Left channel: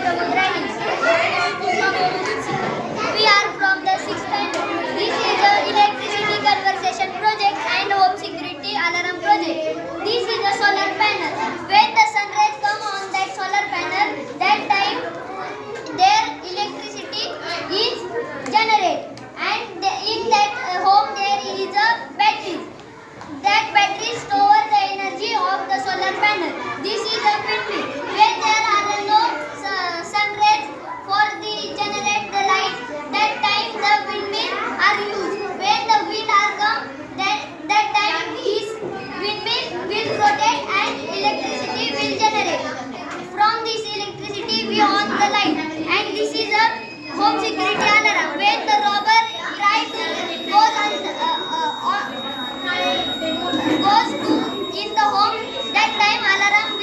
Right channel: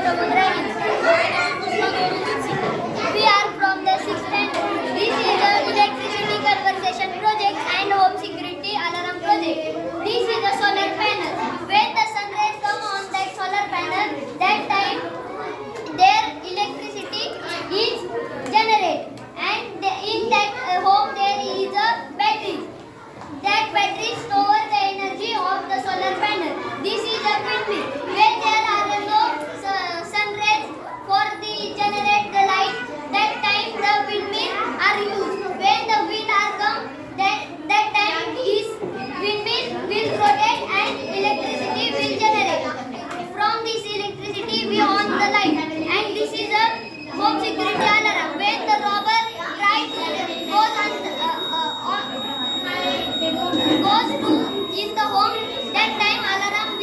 Samudra Hills. My name is Pushpa Govindsingh. We are from the 6th standard. This is a electricity conservation project and home security alarm project. This is a solar panel. When the sun rays come on that solar panel, that time their electricity is generated. And in that home there is a battery. That battery stores the energy of the solar panel. This is a windmill. When there are no sun rays for the generate the light, that time the windmill are used. When the wind are come, that time this windmill will rotate and electricity will generate. From this electricity we on the light, and this is a home security alarm. When the robber try to goes to in the home, that time alarm